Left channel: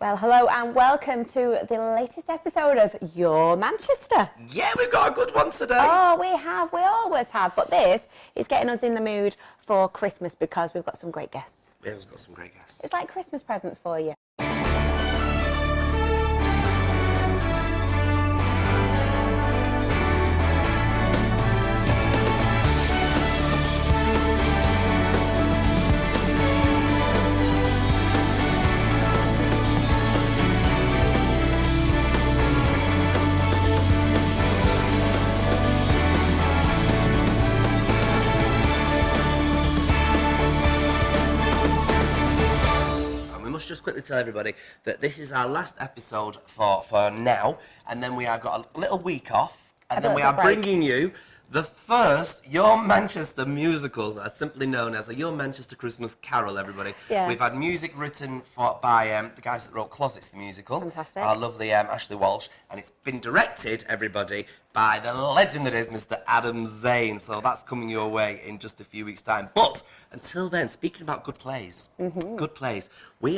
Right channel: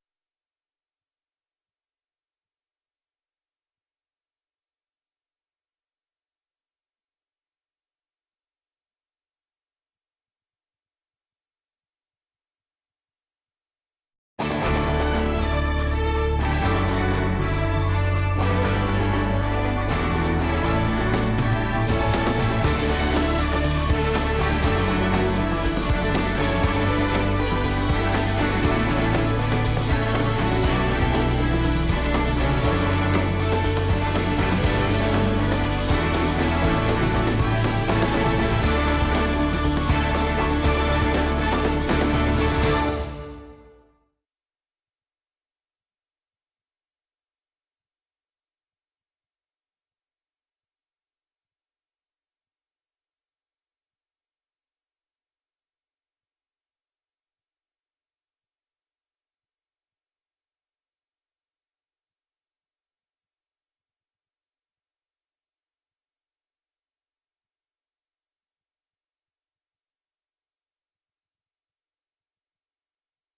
Well, hello and welcome to the latest episode of Your Manchester. Yeah, we've got a good one today. Oh, we always have. But this is getting us in the mood for Christmas because we've got some great guests. Yeah, we've got some great guests. It's like Christmas presents for you. Just quickly tell everybody that this is our last episode for now, and then we have got a little week off, and then we are bringing you the first Your Manchester musical, that's simply known as the Your Manchester Christmas Carol, everybody. Yeah. We've had music written by the guys that wrote Closets, the musical. Fantastic. Our lovely Ashley Walsh, and it's been directed, everybody, by the legend that is Mr. Adam Zane. So that's coming your way in just a few weeks' time. But until then, speaking about good plays, good plays, we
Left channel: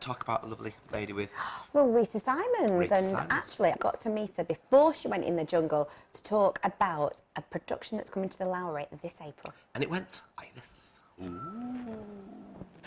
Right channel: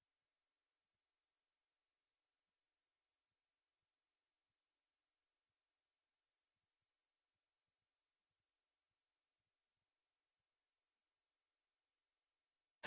talk about a lovely lady with... Well, Rita Simons. Actually, I got to meet her before she went in the jungle to talk about a production that's coming to the Lowry this April. And it went like this. Ooh.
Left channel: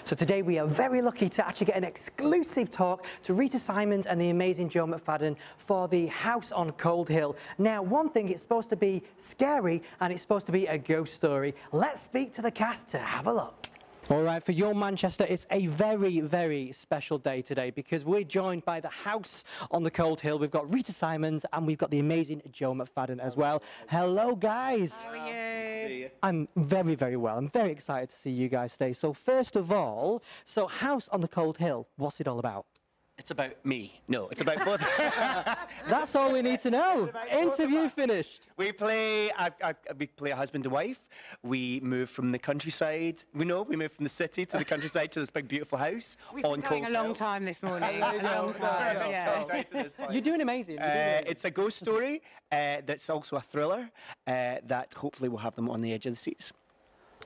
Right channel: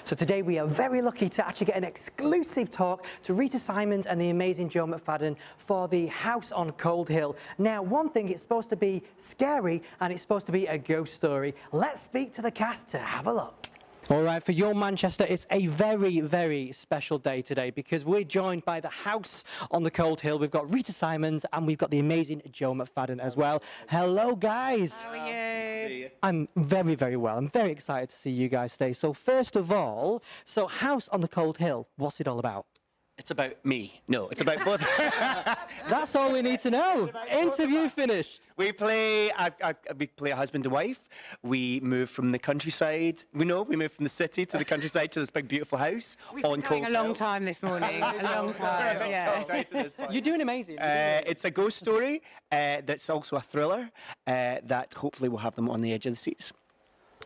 So today we are very lucky to actually get an exclusive talk to Rita Simons and the amazing Joe McFadden for the House on Cold Hill. Now, one thing, it's supposed to be scary and it's supposed to be a ghost story. Let's speak to the cast to have a look. All right, for Your Manchester, it's a very, very special day today because we're joined by the House on the Cold Hill. We've got Rita Simons and we've got the amazing Joe McFadden as well. Hello, guys. How are you? I'm very, very well. I'm very excited to see you guys today. So first of all, so House on the Cold Hill, what's it all about? It's about me. No, it's about both. That's all we need to know. Interview finished. We play a husband and wife. We move from the countryside. We move from the city to the countryside to this big, beautiful house. We've been going a long time this morning. A long time, yeah. You're doing amazing. It's a ghost story that's also a thriller that hopefully will have them on the edge of the seats.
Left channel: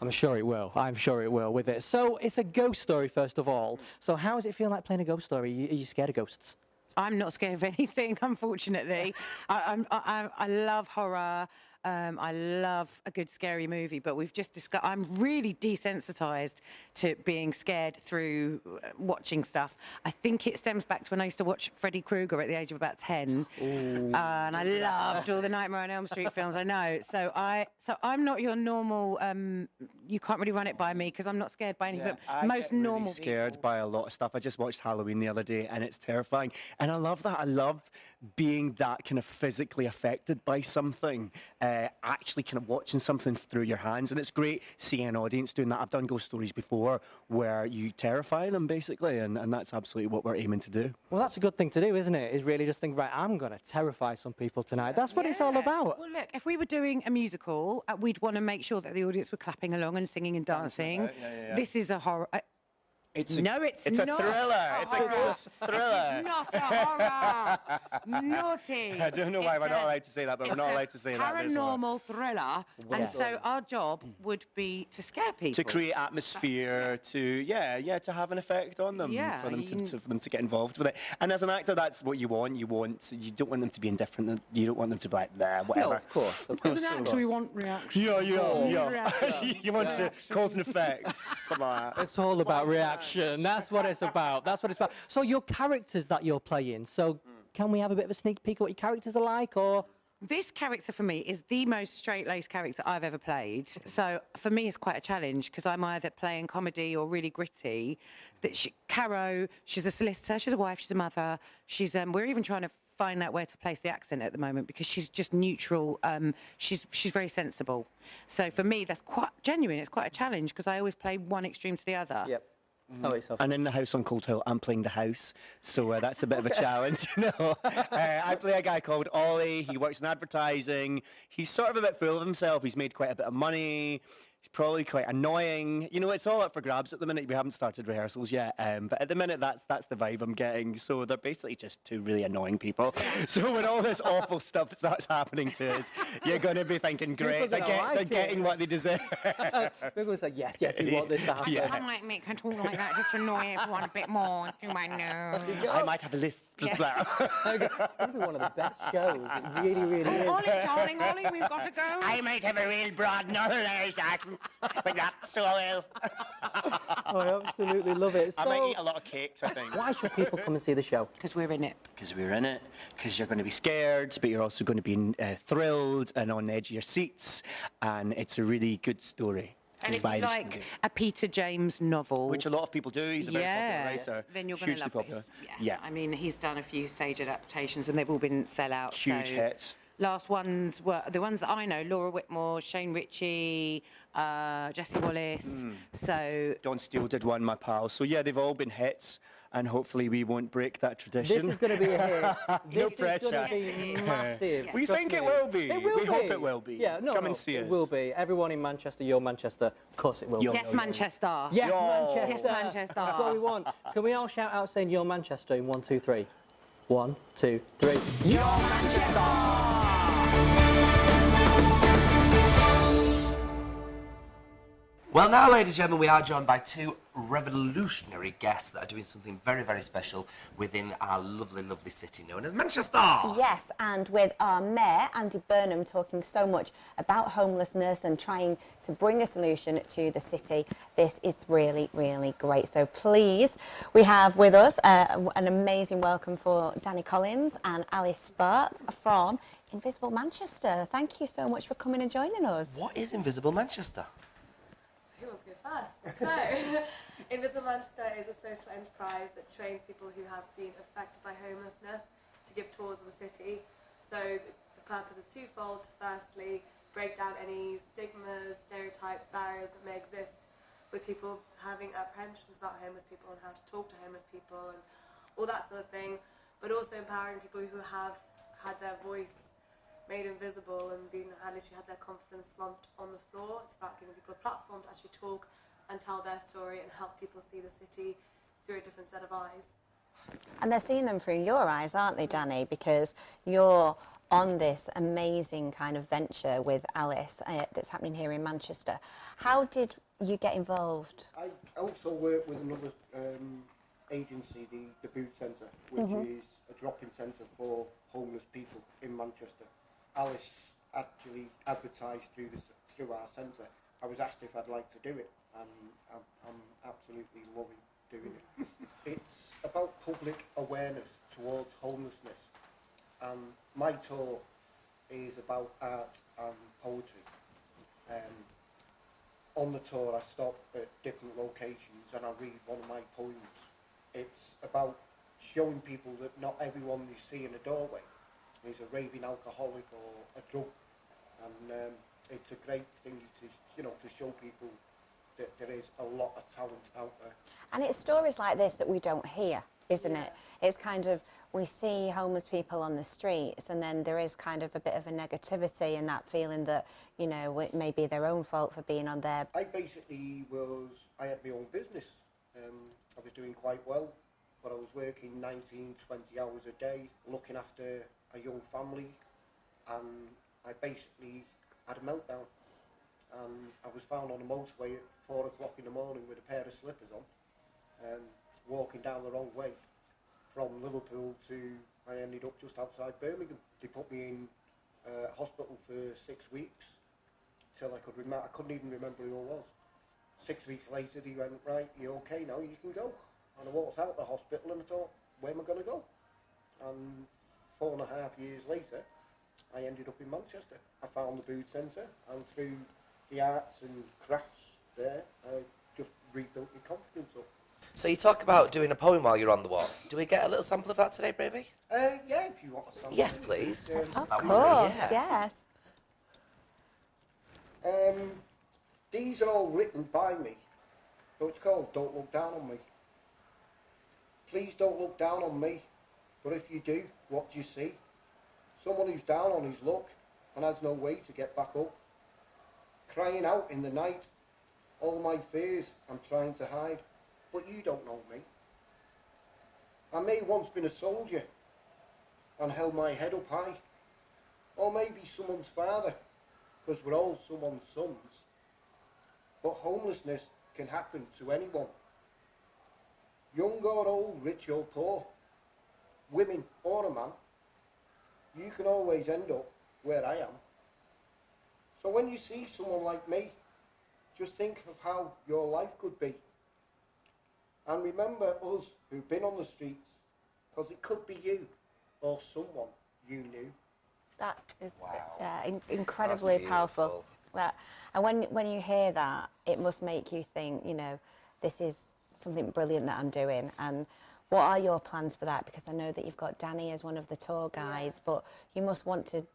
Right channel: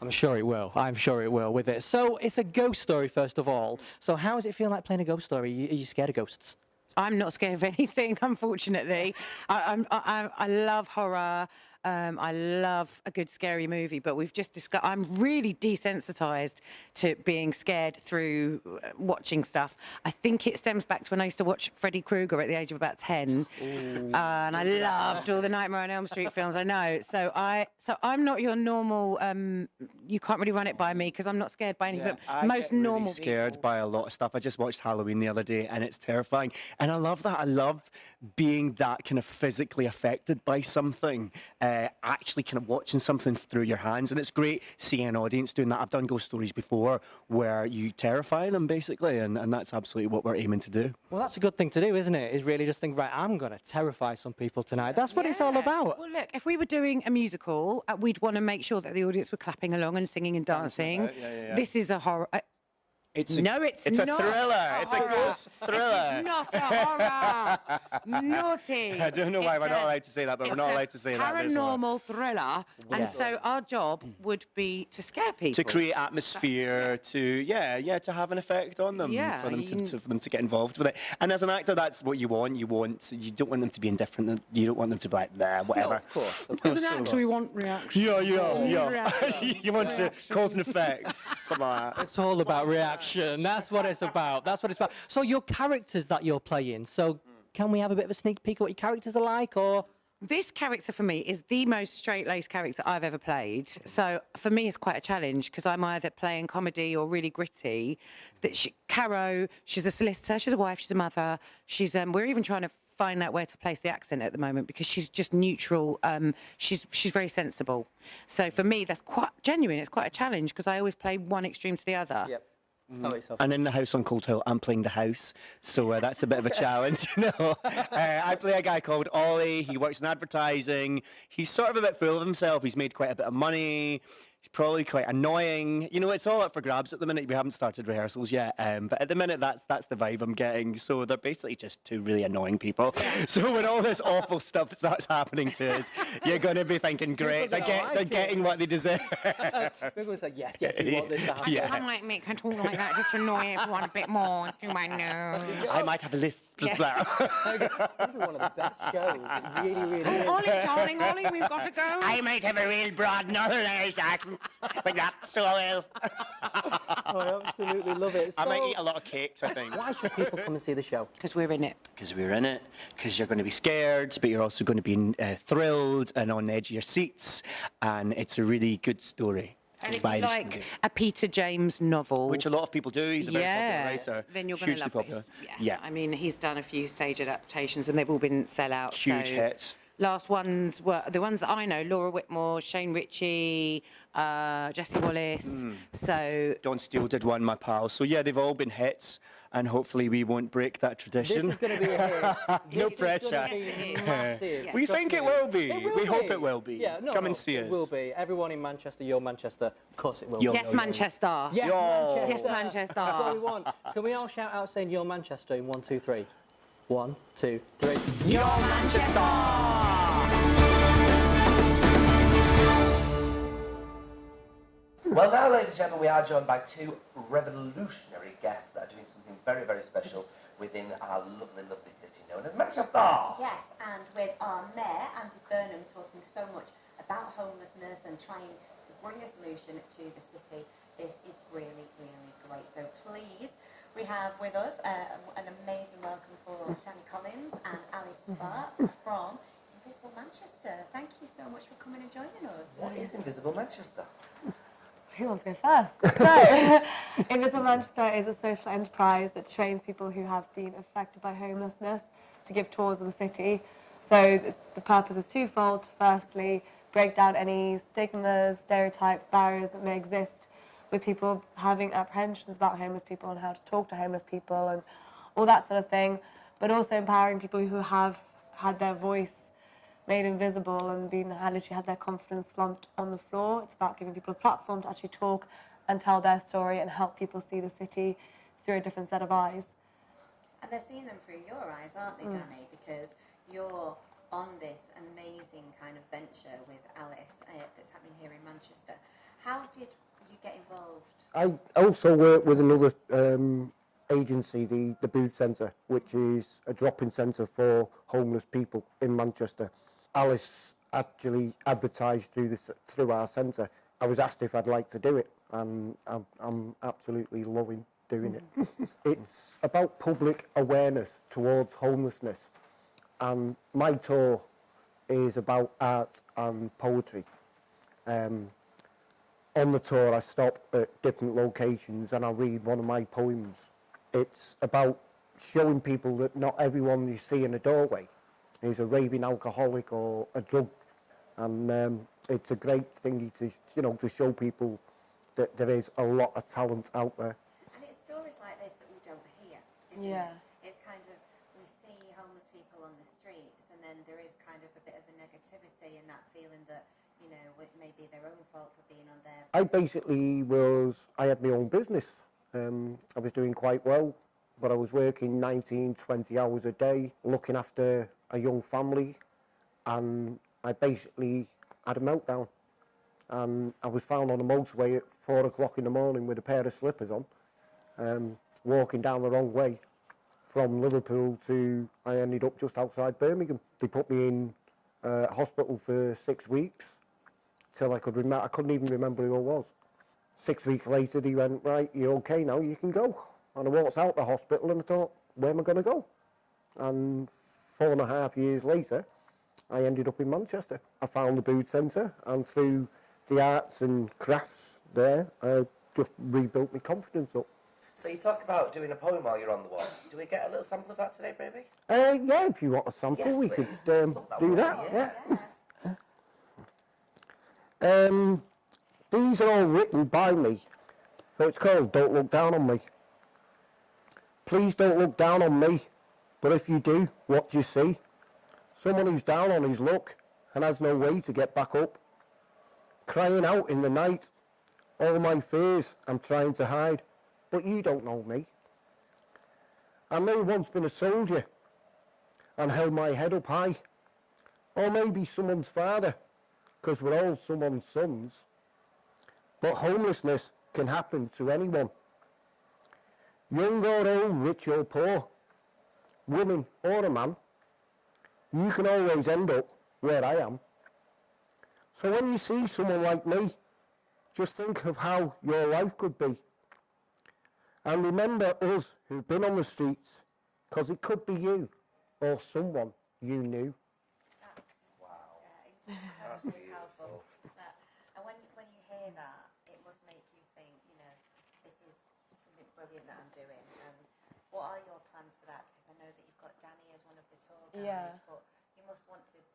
I'm sure it will. I'm sure it will with it. So it's a ghost story, first of all. So how does it feel like playing a ghost story? Are you scared of ghosts? I'm not scared of anything, unfortunately. I love horror. I love a good scary movie, but we've just discussed. I'm really desensitized to being scared through watching stuff. I think it stems back to when I used to watch Freddy Krueger at the age of about 10, and I loved all the Nightmare on Elm Street films. I know, so I'm not your normal. You can't really run it by me because I'm not scared by anything. But most normal really scared by a lot of stuff. I just watched Halloween the other day, and it's terrifying. And I love that. I love being that kind of physically affected by something. Actually kind of watching something through your hands, and it's great seeing an audience doing that. I've done ghost stories before where you terrify them basically, and that's absolutely what we're aiming to do. Well, that's a good thing to do, isn't it? Is really just think, right, I'm going to terrify some people tonight. That's what it's all about. Well, look, if we were doing a musical, we'd want to make sure that the audience were clapping along and singing and dancing. This is a horror. It's not. A thriller. It's a ghost thriller. It's not a horror. Naughty. I don't know why we're not allowed to say that, but we're not allowed to say that. Paranormal thriller, and so our job would be to scare people, to create atmosphere, to have an effect on them, for them to get involved with it. And as an actor, that's what you want. You don't want them to be indifferent. You don't want them to be like, nah, whatever. No, of course. As an actor, we want reaction. Yeah. You want to cause an effect. Something like that. It's all about reaction. That's what it's about. So your characters that you're playing, so can we have a bit of a sneak peek of what your characters are like, or? This character for me is the most straight-laced character I've ever played. So for me, it's quite a challenge because I'm either playing comedy or really gritty. Caro, she's a solicitor, she's a wife, she's a mother. We're even trying to find out where to place the accent at the moment because she's just neutral. She's very sensible. So for me, that's quite genuine. It's quite a challenge because I always play one extreme to the other. Yep. And in the House on Cold Hill, I'm playing the house, so that's a bit of a challenge. I play a guy called Ollie. He works in advertising. He's sort of a bit full of himself. He's made quite a bit of money. He's probably quite annoying. You know, it's all up for grabs at the minute. We haven't started rehearsals yet, but at the minute, that's the vibe I'm getting. So they're basically just two really annoying people. So when all this awful stuff starts happening to us, you're going to be thinking, great, they're getting what they deserve. We're going to say, yes, we want this to happen. Yeah. I might make her talk like that just to annoy everyone a bit more through my nose. I might have a list. It's going to be one of the best shows. It really, really is. Ollie, darling, Ollie, we've got to go. I might have a real broad northern Irish accent, but not so well. Oh, I absolutely love it. I might eat a lot of cakes, I think. Why should people come and see the show? Because we're in it. Because we're in it, because you're going to be scared, but you're also going to be thrilled and on the edge of your seats, and it's a really good story. And if you like a Peter James novel, which a lot of people do, he's a very popular writer. Then you're going to love popular. this. Yeah. I mean, he's done a few stage adaptations, and they've all been sellouts. Huge hits. Last ones were the ones that I know: Laura Whitmore, Shane Ritchie, Jessie Wallace. So Don Steele did one, my pal. So yeah, they've all been hits, and hopefully we won't break that tradition. This is going to be a hit. No This pressure. is going to be massive. We Trust think it me. will be. It will We be. hope it will be. Yeah, Come and see us. It will be. Everyone in Manchester, you're Manchester. Of course it will. yes, Manchester. Yes, Yo. Manchester. Yes, Manchester. That's what we want. Can we all shout out saying you're Manchester in 1, 2, 3? 1, 2, 3. You're Manchester. Well, now, ladies and gentlemen, we are joined by two revolutionary guests that are doing something very, very special within our lovely, lovely city known as Manchester. Yes, and with our Mayor, Andy Burnham, talking so much about homelessness and trying to bring a solution to the city. This is really, really great. So please, we have with us an amazing welcome for Danny Collins and Alice Sparks from Invisible Manchester. Thank you so much for coming and joining us. What is Invisible Manchester? Who wants to go first? So, Invisible Manchester is a social enterprise that trains people who have been affected by homelessness to give tours of the city. So the purpose is twofold. To firstly, break down any stigmas, stereotypes, barriers that may exist with people having apprehensions about homeless people and how to talk to homeless people and all that sort of thing, but also empowering people who have had their voice made invisible and literally had their confidence slumped on the floor. It's about giving people a platform to actually talk and tell their story and help people see the city through a different set of eyes. And they're seeing them through your eyes, aren't they, Danny? Because you're on this amazing kind of venture with Alice that's happening here in Manchester. How did you get involved? I also work with another agency, the Boot Centre, which is a drop-in centre for homeless people in Manchester. Alice actually advertised through our centre. I was asked if I'd like to do it, and I'm absolutely loving doing it. It's about public awareness towards homelessness, and my tour is about art and poetry. On the tour I stop at different locations and I read one of my poems. It's about showing people that not everyone you see in a doorway is a raving alcoholic or a drug, and it's a great thing to show people that there is a lot of talent out there. And it's stories like this that we don't hear, isn't Yeah. it? It's kind of, we see homeless people on the streets and then there is kind of a bit of a negativity and that feeling that, it may be their own fault for being on there. I had my own business. I was doing quite well, but I was working 19, 20 hours a day, looking after a young family, and I basically had a meltdown. And I was found on a motorway at 4 o'clock in the morning with a pair of slippers on, walking down the wrong way from Liverpool to, I ended up just outside Birmingham. They put me in hospital for 6 weeks till I couldn't even remember who I was. 6 weeks later, he went, right, you're okay now, you can go. And I walked out the hospital and I thought, where am I going to go? And 4.5 years later, I ended up in Manchester. I found the Boot Centre, and through the arts and crafts there, I just rebuilt my confidence up. So you talk about doing a poem while you're on the walk. Do we get a little sample of that today, baby? Yeah, if you want a sample, Yes, we please. could Of do course, that. yes. These are all written by me, so it's called Don't Look Down on Me. Please don't look down on me, but if you do, what do you see? Someone who's down on his luck and has no way to get back up. Crying out in the night All my fears I'm trying to hide, but you don't know me. I may once been a soldier and held my head up high, or maybe someone's father, 'cause we're all someone's sons. But homelessness can happen to anyone, young or old, rich or poor, woman or a man. You can always end up where I am. So when you see someone like me, just think of how your life could be. And remember us who've been on the streets, 'cause it could be you or someone you knew. That is incredibly powerful. And when you hear that, it must make you think, you know, this is something brilliant that I'm doing. And what are your plans for that? Because I know that you've got Danny as one of the tour guides, but you must want to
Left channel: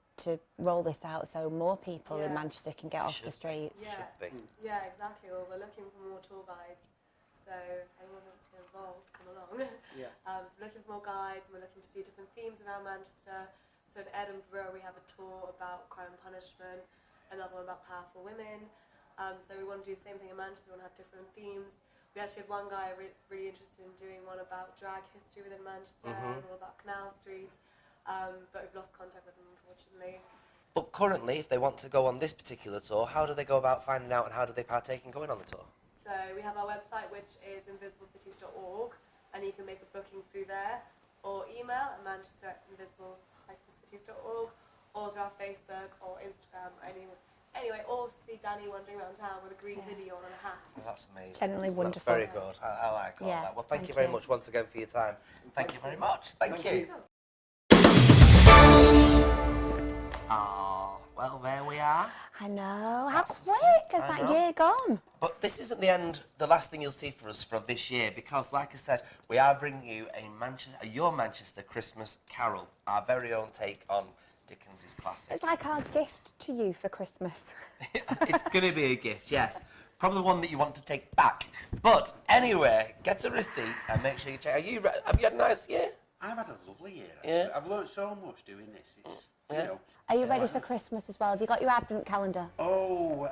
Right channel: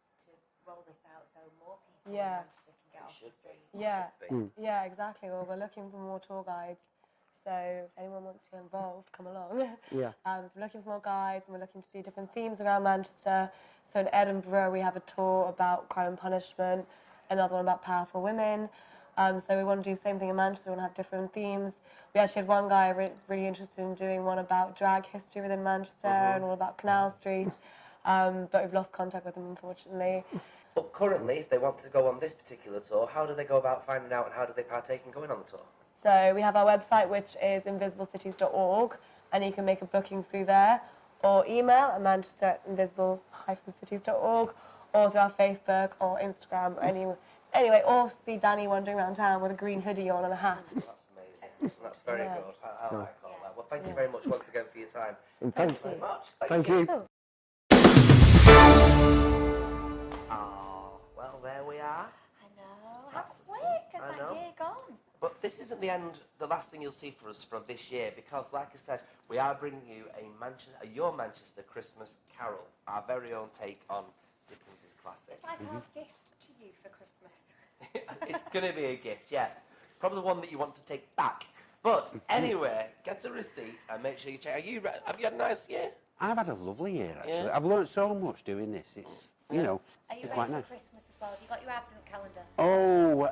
roll this out so more people in Manchester can get off the streets. Yeah, exactly. Well, we're looking for more tour guides. So if anyone wants to get involved, come along. Yeah. We're looking for more guides, and we're looking to do different themes around Manchester. So in Edinburgh, we have a tour about crime and punishment, another one about powerful women. So we want to do the same thing in Manchester. We want to have different themes. We actually had one guy really interested in doing one about drag history within Manchester and all about Canal Street. But we've lost contact with them, unfortunately. But currently, if they want to go on this particular tour, how do they go about finding out and how do they partake in going on the tour? So we have our website, which is invisiblecities.org, and you can make a booking through there, or email at manchester@invisible-cities.org, or through our Facebook or Instagram, or anyway, or see Danny wandering around town with a green hoodie on and a hat. That's amazing. Genuinely wonderful. That's very good. I like all that. Well, thank you very much once again for your time. Thank you very much. Thank you. Oh, well, there we are. I know. How That's the quick stuff. has I that know. year gone? But this isn't the last thing you'll see for us from this year, because, like I said, we are bringing you a Your Manchester Christmas Carol, our very own take on Dickens's classic. It's like our gift to you for Christmas. It's going to be a gift, yes. Probably one that you want to take back. But anyway, get a receipt and make sure you check. Have you had a nice year? I've had a lovely year, actually. Yeah. I've learnt so much doing this. It's, you know. Are you ready quite for nice. Christmas as well? Have you got your advent calendar? Oh,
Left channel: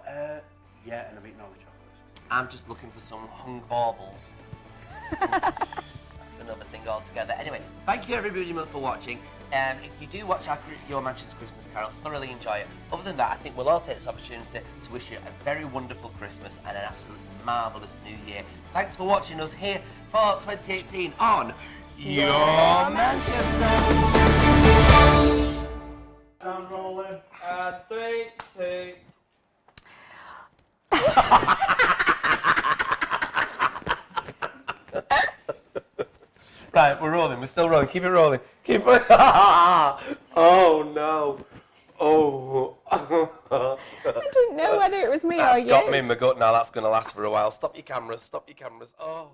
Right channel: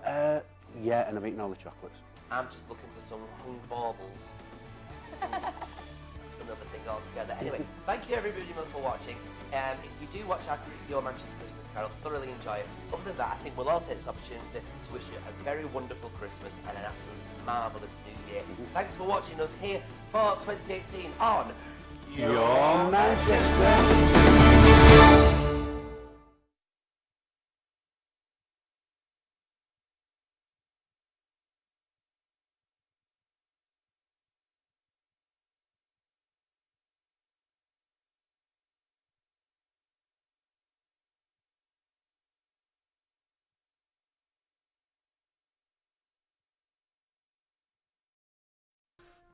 yeah, and I've eaten all the chocolates. I'm just looking for some hung baubles. That's another thing altogether. Anyway, thank you everybody for watching. If you do watch Your Manchester Christmas Carol, thoroughly enjoy it. Other than that, I think we'll all take this opportunity to wish you a very wonderful Christmas and an absolutely marvellous New Year. Thanks for watching us here for 2018 on Your Manchester. Sound rolling. 3, 2. Right, we're rolling. We're still rolling. Keep it rolling. Keep it. Oh no. Oh. I didn't know whether it was me or you. Got me in my gut now. That's going to last for a while. Stop your cameras. Stop your cameras. Oh.